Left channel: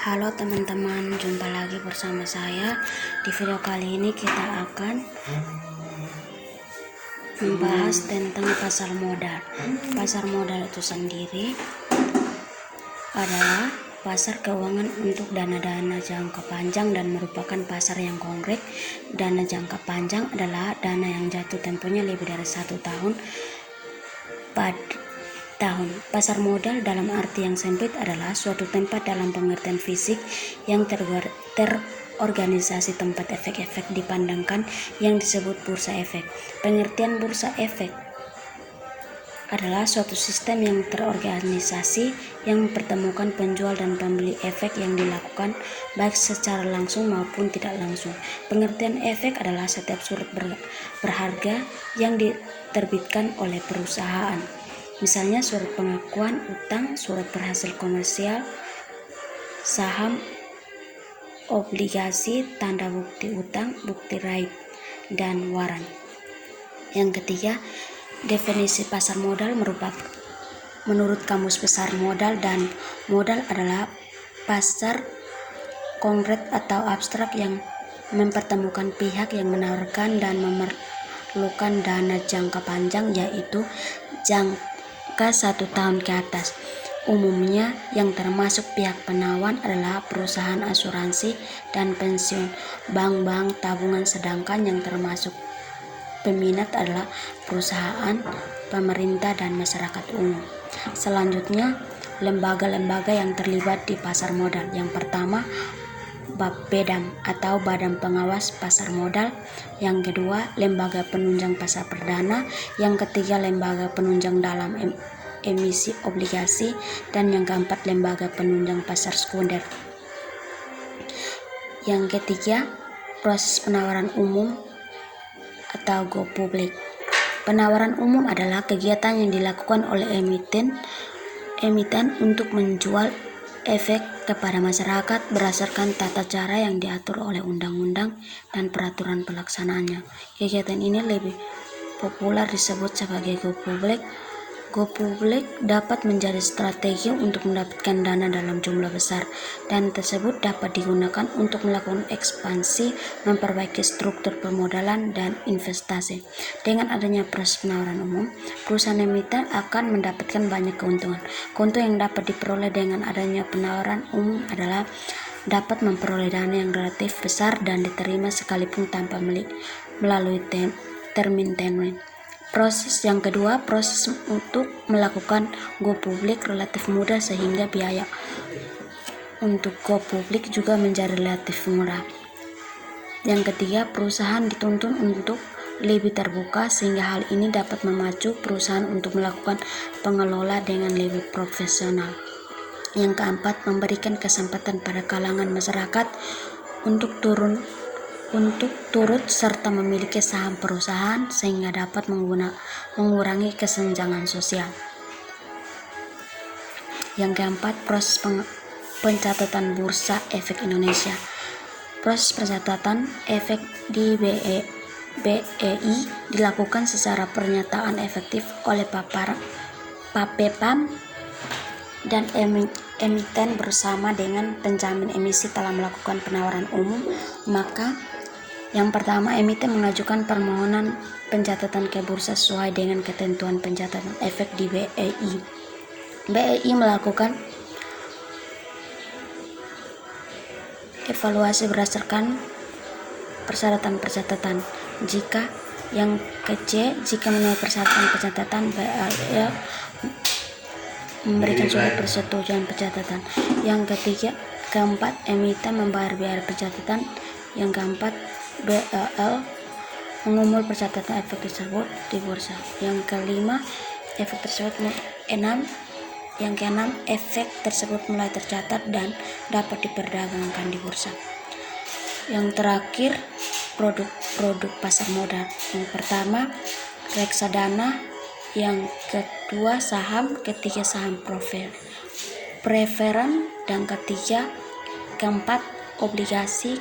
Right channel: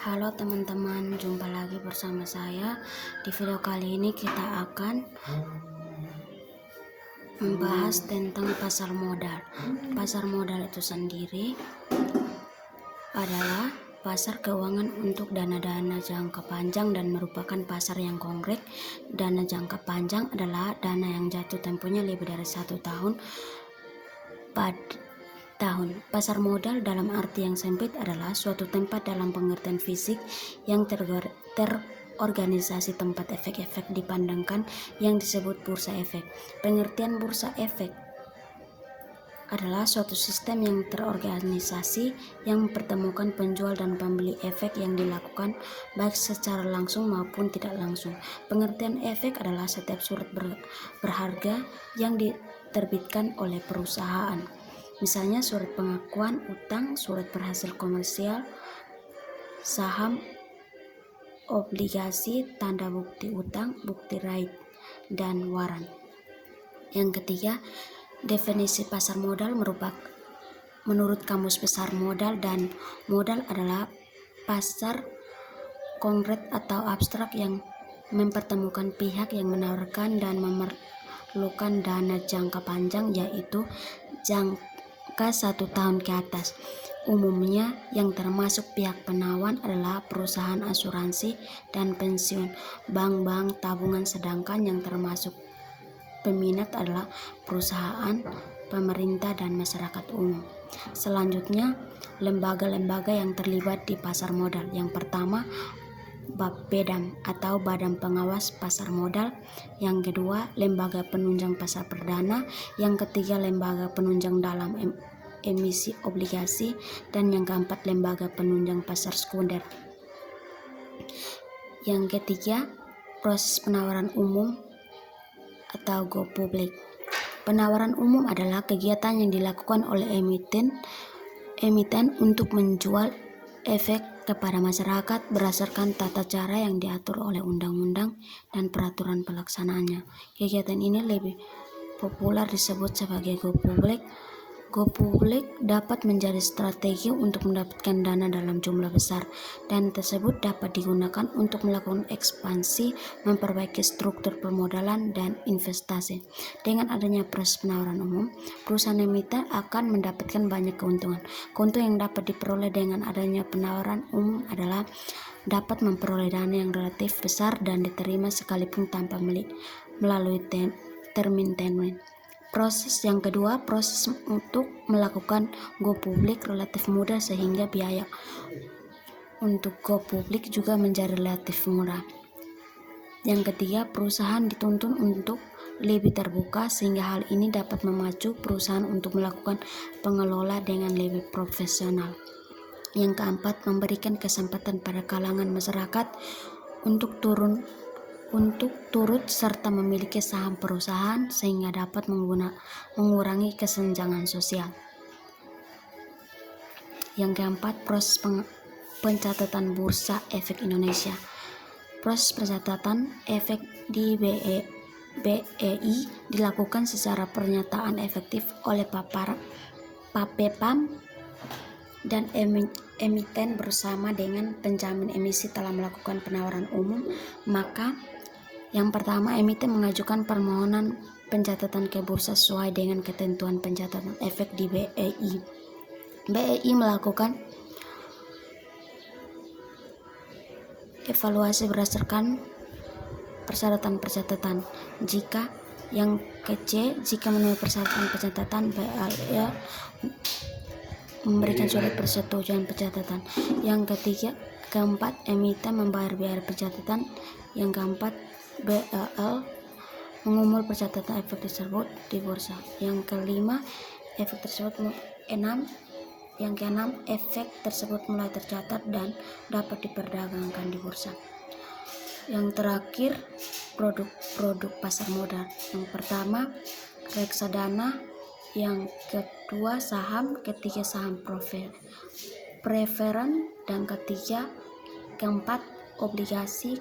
Halo teman-teman, jumpa lagi bersama saya. Di video kali ini kita akan membahas tentang pasar modal. Pasar modal itu sendiri adalah pasar keuangan untuk dana-dana jangka panjang dan merupakan pasar yang konkret. Dana jangka panjang adalah dana yang jatuh temponya lebih dari 1 tahun Pasar modal dalam arti yang sempit adalah suatu tempat dalam pengertian fisik yang terorganisasi tempat efek-efek dipandangkan yang disebut bursa efek. Pengertian bursa efek adalah suatu sistem yang terorganisasi yang mempertemukan penjual dan pembeli efek yang dilakukan baik secara langsung maupun tidak langsung. Pengertian efek adalah setiap surat berharga yang diterbitkan oleh perusahaan. Misalnya surat pengakuan utang, surat berhasil komersial, saham, obligasi, tanda bukti utang, bukti raib, dan waran. Yang ketiga, definisi pasar modal menurut Kamus Besar Modal dan Modal adalah pasar konkret atau abstrak yang mempertemukan pihak yang menawarkan dan memerlukan dana jangka panjang, yaitu jangka 1 tahun ke atas. Umumnya yang termasuk pihak penawar adalah perusahaan asuransi dan pensiun, bank-bank tabungan, sedangkan yang termasuk peminat adalah perusahaan, pemerintah, dan masyarakat umum. Selanjutnya, lembaga-lembaga yang terlibat di pasar modal. Yang pertama, BAPEDAM atau Badan Pengawas Pasar Modal. Yang kedua, lembaga penunjang pasar perdana. Yang ketiga, lembaga penunjang dalam emisi obligasi. Dan yang keempat, lembaga penunjang pasar sekunder. Yang ketiga, proses penawaran umum atau go public. Penawaran umum adalah kegiatan yang dilakukan oleh emiten untuk menjual efek kepada masyarakat berdasarkan tata cara yang diatur oleh undang-undang dan peraturan pelaksanaannya. Kegiatan ini lebih populer disebut sebagai go public. Go public dapat menjadi strategi untuk mendapatkan dana dalam jumlah besar, dan tersebut dapat digunakan untuk melakukan ekspansi, memperbaiki struktur permodalan, dan investasi. Dengan adanya proses penawaran umum, perusahaan emiten akan mendapatkan banyak keuntungan. Keuntungan yang dapat diperoleh dengan adanya penawaran umum adalah dapat memperoleh dana yang relatif besar dan diterima sekalipun tanpa melalui termin. Proses yang kedua, proses untuk melakukan go public relatif mudah sehingga biaya untuk go public juga menjadi relatif murah. Yang ketiga, perusahaan dituntun untuk lebih terbuka sehingga hal ini dapat memacu perusahaan untuk melakukan pengelola dengan lebih profesional. Yang keempat, memberikan kesempatan pada kalangan masyarakat untuk turut serta memiliki saham perusahaan sehingga dapat mengurangi kesenjangan sosial. Yang keempat, proses pencatatan Bursa Efek Indonesia. Proses pencatatan efek di BEI dilakukan secara pernyataan efektif oleh PAPEPAM dan emiten bersama dengan penjamin emisi telah melakukan penawaran umum. Maka yang pertama, emiten mengajukan permohonan pencatatan ke bursa sesuai dengan ketentuan pencatatan efek di BEI. BEI melakukan evaluasi berdasarkan persyaratan pencatatan. Jika memenuhi persyaratan pencatatan, BEI memberikan surat persetujuan pencatatan. Yang keempat, emiten membayar biaya pencatatan. Yang keempat, BEI mengumumkan pencatatan efek tersebut di bursa. Yang kelima, Yang keenam, efek tersebut mulai tercatat dan dapat diperdagangkan di bursa. Yang terakhir, produk pasar modal. Yang pertama, reksadana. Yang kedua, saham. Ketiga, saham preferen. Dan keempat, obligasi.